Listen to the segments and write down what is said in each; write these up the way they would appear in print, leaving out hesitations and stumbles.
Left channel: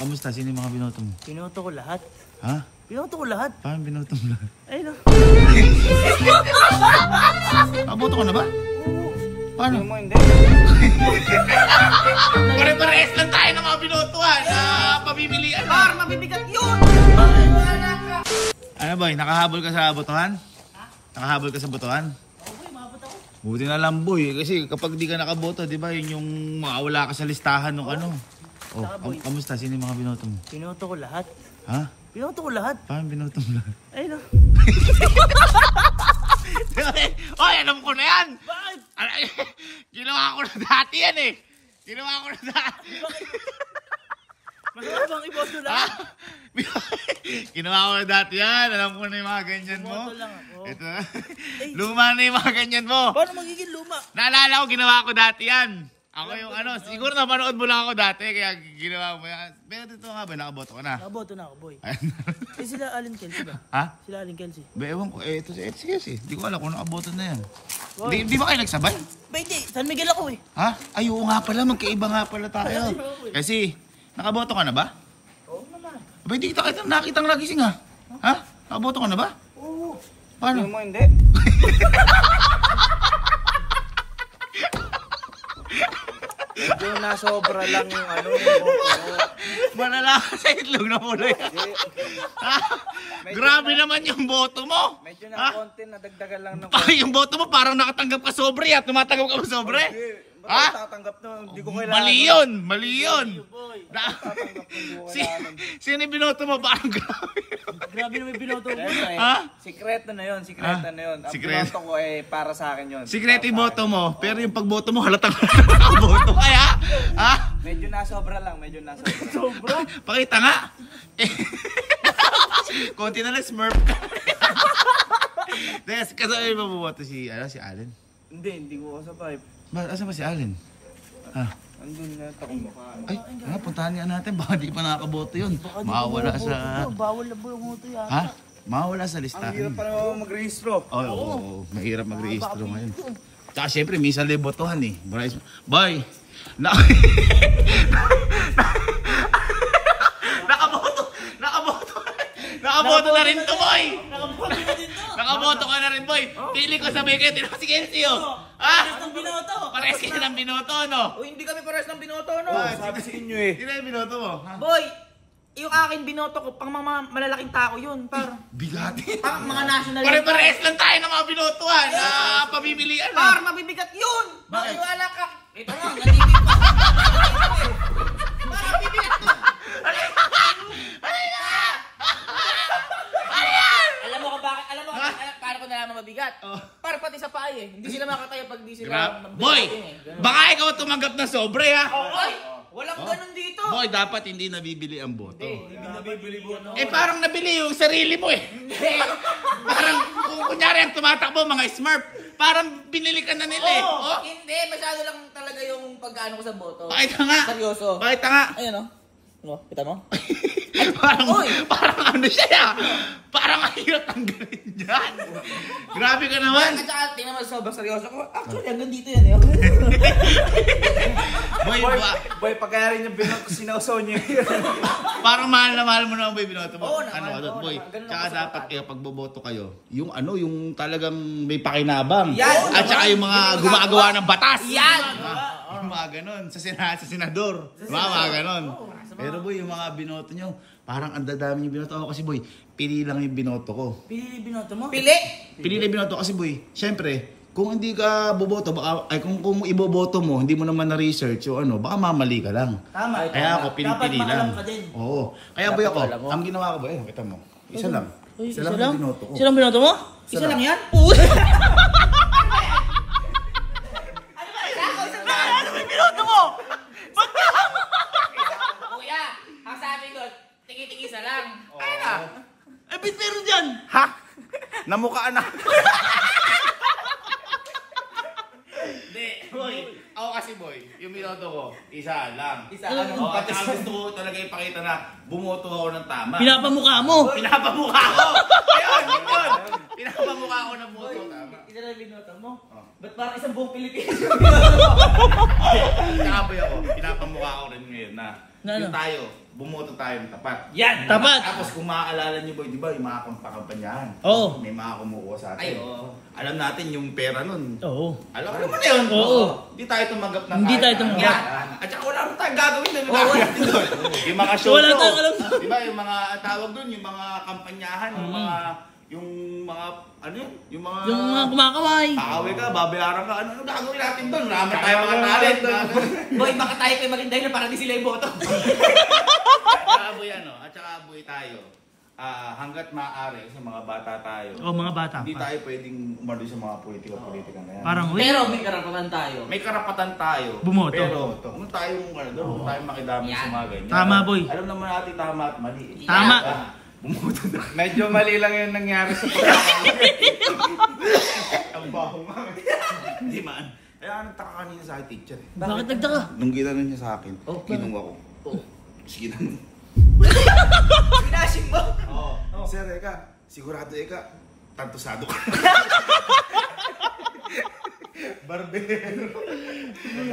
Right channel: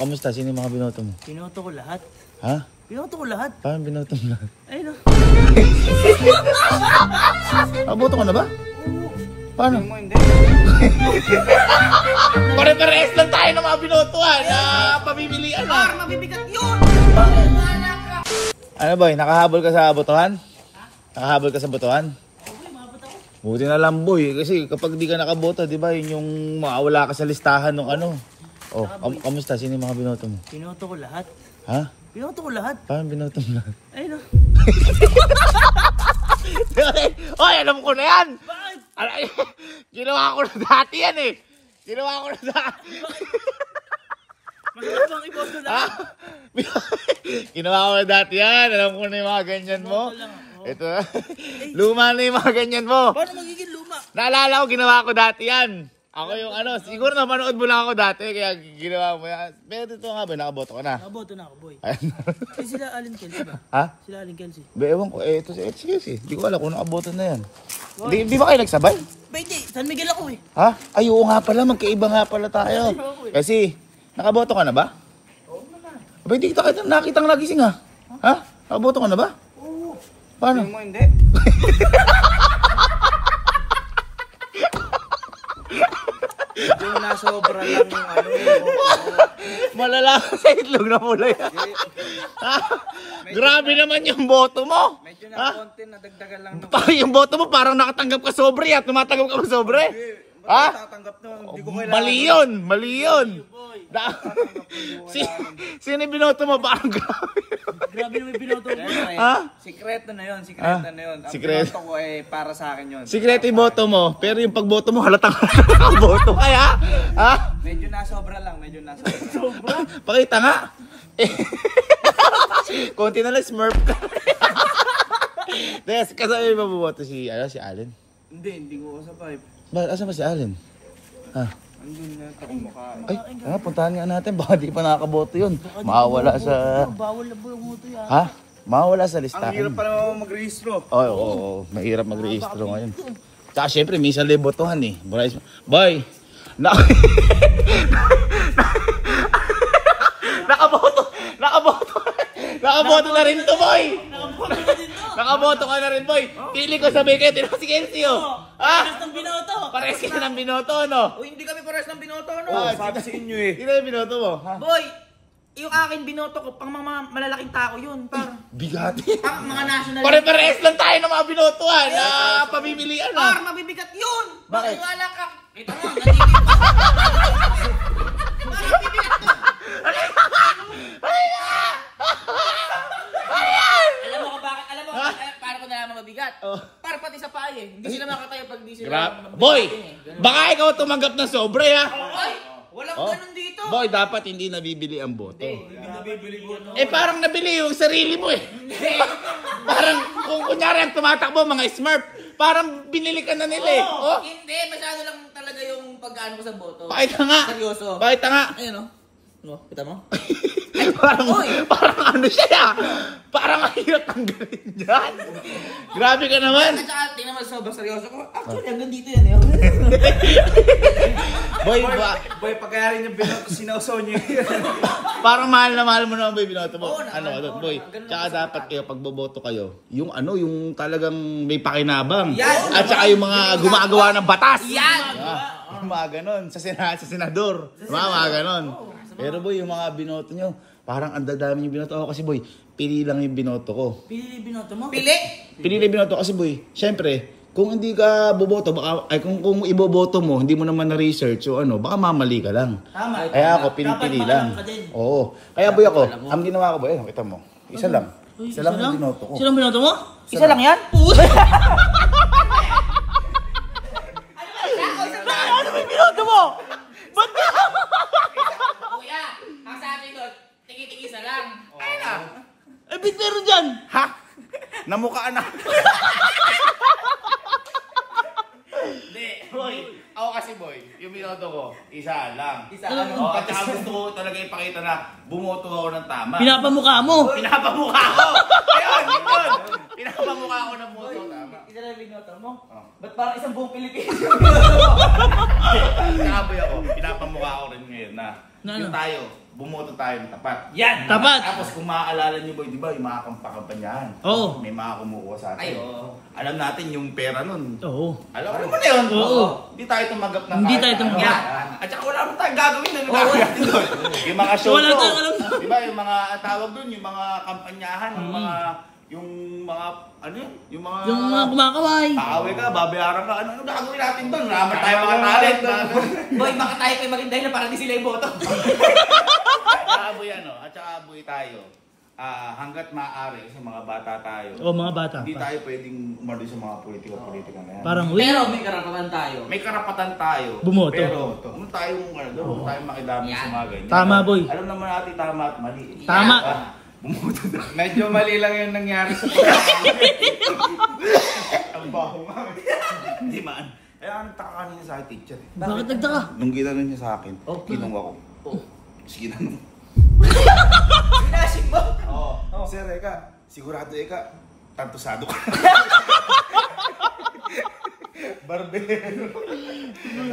Kamusta? Sino yung mga binoto mo? Binoto ko lahat. Ha? Binoto ko lahat. Paano binoto mo lahat? Ayun o. Nakaboto ka na ba? Paano? Mo hindi. Pare-pares lang tayo ng mga binotuhan na pamimilian. Par, mabibigat yun! Ano boy, nakahabol ka sa botohan? Nakahabol ka sa botohan? Buti na lang boy, kasi kapag di ka nakaboto, di ba, yun yung makawala ka sa listahan ng ano. Oh, kamusta? Sino yung mga binoto mo? Binoto ko lahat. Ha? Binoto ko lahat. Paano binoto mo lahat? Ayun o. Hoy, alam ko na yan! Bakit? Ginawa ko na dati yan eh! Ginawa ko na dati! Masarap bang iboto lahat? Ginawa ko na dati yan! Alam ko na yung mga ganyan mo. Iboto lang ako. Ito na. Luma na yung mga ganyan mo. Paano magiging luma? Naalala ko, ginawa ko dati yan. Ako yung ano, siguro napanood mo lang ako dati, kaya ginawa mo yan. Pero dito nga ba, nakaboto ka na? Nakaboto na ako, boy. Ayan. Eh, sila Allen Kelsey ba? Ha? Sila Allen Kelsey. Ba, ewan ko, ito sige. Di ko alam kung nakaboto na yan. Di ba kayo nagsabay? Ba, hindi. San Miguel ako eh. Ha? Ay, oo nga pala, magkaiba nga pala tayo. Kasi, nakaboto ka na ba? Oo naman. Aba, hindi kita nakitang nagising ha? Ha? Nakaboto ka na ba? Oo. Paano? Mo hindi. Medyo nasobra lang yung ano yung boto mo. Malala ka sa itlog na mula yan. Ha? Grabe naman yung boto mo. Medyo na konti nadagdagan lang ng Yung boto mo parang nakatanggap ka sobre at tumatanggap ka ba sobre? Ha? tatanggap na hindi ko kailangan. Mali yun! Mali yun! Tatanggap na hindi ko kailangan. Sino yung binoto mo? Parang grabe. Grabe naman yung binoto ko. Ha? Sikreto na yun, sikreto na yun. Ang Sikreto. binoto ko eh para sa akin yun. Sikreto yung boto mo, pero yung pagboto mo halatang nakaboto kaya? Ha? Medyo nasobra lang, medyo nasobra. Sobra. Pakita nga. Konti na lang smurf ka. Yes, kasama yung mabuboto si Allen. Hindi ko kasabay. Asan ba si Allen? Ha? Andun na takong mukha. Ay, puntahan nga natin. Baka di pa nakakaboto yun. Mawawala sa... Bawal na po yung moto yata. Ha? Mawawala sa listahan. Ang hirap pa naman mag-rehistro. Oo. Mahirap mag-rehistro ngayon. Tsaka syempre, minsan libotohan eh. Boy! Nakaboto na rin to, boy! Nakaboto ka na rin, boy! Pili ko sabi kayo, tinawag si Kenzie, oh! Pares ng binoto. Pares kayo ng binoto, no? O hindi kami pares ng binoto, no? Sabi sa inyo eh. Sino yung binoto mo? Boy, yung akin binoto ko, pang mga malalaking tao yun. Bigati. Pang mga national. Pare-pares lang tayo ng mga binotuhan na pamimilian. Par, mabibigat yun. Bakit? Wala ka. Ito nga, nandito pa. Par, mabibigat to. Alam mo kung bakit? Para ko nalaman mabigat. Para pati sa paay eh. Hindi sila makatayo pag di sila mabigat. Boy, eh. baka ikaw tumanggap na sobre, ha? Ay, walang ganun dito. Boy, dapat hindi nabibili ang boto. Hindi nabibili ko, no? Parang nabili yung sarili mo eh. Parang kung kunyari ang tumatakbo, mga smurf, parang binili ka na nila eh. Oh. Hindi, masyado lang talaga yung pag-ano ko sa boto. Pakita nga. Seryoso. Pakita nga. Ayun o. No, kita mo? Parang ano siya. Parang mahirap tanggalin dyan. Grabe ka naman. At saka, tingnan mo, sobrang seryoso ko. Actually, hanggang dito yan eh. Boy, pagkaya rin yung binoto, sinausaw niyo yun. Parang mahal na mahal mo naman boy binoto mo. Oo naman, Ano, oo boy. naman. Ganun Tsaka ako dapat sa kayo pag boboto kayo, yung ano, yung talagang may pakinabang. Yan. At saka yung mga gumagawa ng batas. Yan. Yung mga ganon, sa senador. Mga ganon. Pero boy, yung mga binoto nyo, parang ang dadami yung binoto. Ako kasi boy, pili lang yung binoto ko. Pili binoto mo? Pili? Pili lang yung binoto kasi boy, syempre, kung hindi ka boboto, baka, ay kung iboboto mo, hindi mo naman na-research o ano, baka mamali ka lang. Tama. Kaya ako, pinipili Dapat lang. maalam ka din. Oo. Kaya boy ako, ang ginawa ko boy, ayun, kita mo. Isa lang. Isa lang yung binoto ko. Isa lang binoto mo? Isa lang yan? Ano ba yung binoto mo? Ba't ka? Kuya, ang sabi ko, tiki-tiki isa lang. Ay na. Eh, bit meron dyan. Ha? Namukhaan na. Hindi, boy. Ako kasi boy, yung binoto ko, isa lang. Isa, ano? Oh, at saka gusto ko talaga ipakita na bumoto ako ng tama. Pinapamukha mo. Pinapamukha ko! Ayun, yun! Pinapamukha ko ng boto tama. Isa lang binoto mo? Ba't parang isang buong Pilipinas? Tsaka boy ako, pinapamukha ko rin ngayon na yung tayo, bumoto tayo ng tapat. Yan! Tapat. Tapos kung maaalala niyo boy, di ba yung mga kampanyahan? Oo. May mga kumukuha sa atin. Ay, oo. Alam natin yung pera nun. Oo. Alam mo na yun? Oo. Hindi tayo tumanggap ng Hindi kahit tayo tumanggap. ano. At saka wala naman tayong gagawin na natin doon. Yung mga show Wala tayong alam. Di ba yung mga tawag doon, yung mga kampanyahan, yung mga ano yun? Yung mga kumakaway. Kaaway ka, babayaran ka, ano gagawin natin doon? Naman tayo mga talent doon. Boy, baka tayo pa yung maging dahilan para di sila yung boto. At saka aboy ano, at saka aboy tayo. Hanggat maaari, kasi mga bata tayo. O mga bata Hindi pa. tayo pwedeng umano sa mga politika na yan. Parang Pero may karapatan tayo. May karapatan tayo. Bumoto. Pero huwag tayong huwag tayong makidami sa mga ganyan. Tama, boy. Alam naman natin tama at mali. Tama. Bumoto na. Medyo mali lang yung nangyari sa pagkakala. Ang baho nga. Hindi man. Kaya nagtaka kanina sa akin, teacher. Bakit nagtaka? Nung ginano niya sa akin, kinunga ko. Oh. Sige na. Pinasing mo. Oo. Sir, Eka, sigurado Eka, tantusado ka. Barbero.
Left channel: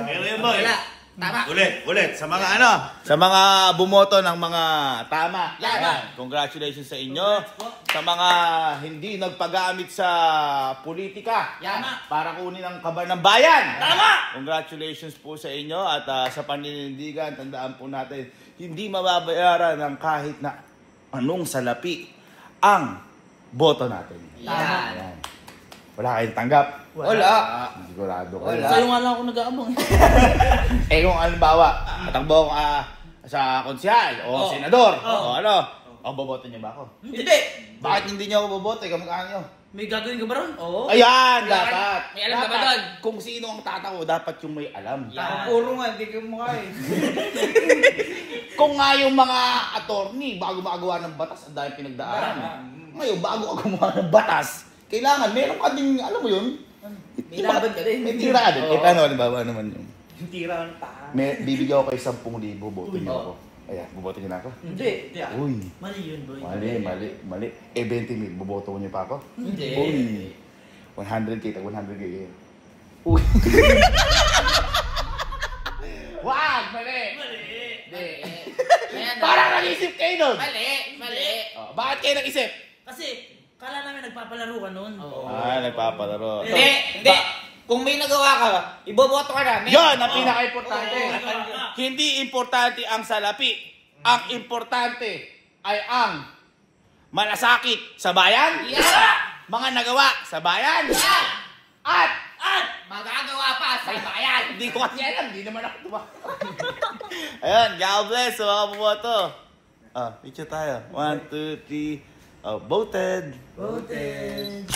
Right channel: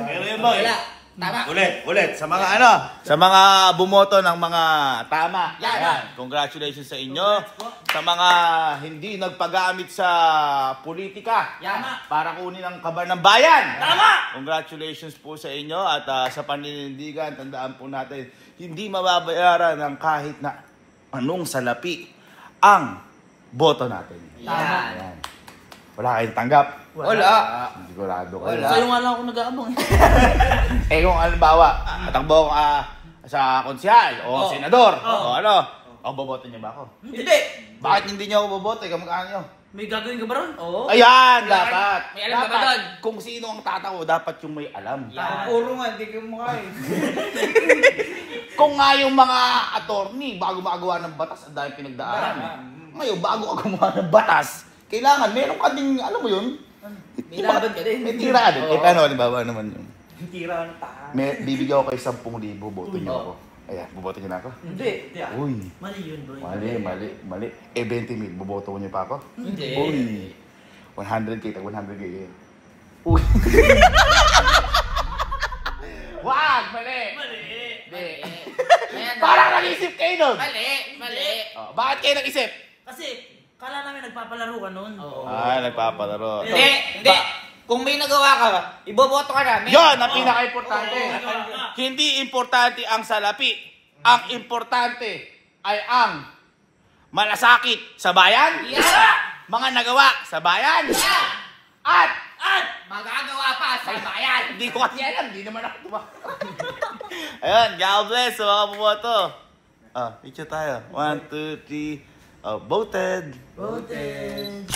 Pero yun boy. Wala. Tama. Ulit. Sa mga sa mga bumoto ng mga tama. Yan. Congratulations sa inyo. Sa mga hindi nagpagamit sa politika. Yan. Para kunin ang kaban ng bayan. Tama. Congratulations po sa inyo at sa paninindigan, tandaan po natin, hindi mababayaran ng kahit na anong salapi ang boto natin. Tama. Ayan. Wala kayong tanggap. Wala. Sigurado kayo. Sa'yo nga lang ako nag-aabang. Eh kung halimbawa, tatakbo ako sa konsyal o senador o ano, boboto niyo ba ako? Hindi. Bakit hindi niyo ako boboto? Kamukha niyo. May gagawin ka ba ron? Oo. Ayan, dapat. May alam ka ba doon? Kung sino ang tatawo, dapat yung may alam. Yan. Puro nga, hindi ko mukha eh. Kung nga yung mga attorney, bago magawa ng batas, ang dahil pinagdaanan. Ngayon, bago ka gumawa ng batas, kailangan, meron ka ding, alam mo yun? May laban ka din. May tira ka din. Eh, paano, halimbawa naman yun? Tira ng tahan. Bibigyan ko kayo 10,000, boto niyo ako. Ayan, boboto niyo na ako? Hindi. Uy, Mali yun, boy. mali. Eh, 20,000, boboto niyo pa ako? Hindi. Uy, 100k, tag 100k yun. Uy. Wag, mali. Hindi. Parang nag-isip kayo nun. Mali. Oh, bakit kayo nag-isip? Kasi, kala namin nagpapalaro ka nun. Nagpapalaro. Hindi. Kung may nagawa ka, iboboto ka namin. Yon ang pinaka-importante. Oo. Hindi importante ang salapi. Ang importante ay ang malasakit sa bayan. Yeah. Mga nagawa sa bayan. Yeah. At Magagawa pa sa bayan. hindi ko kasi alam, hindi naman ako tumakbo. Ayun, God bless sa mga bumoto. Picture tayo. 1, 2, 3. Voted. Voted.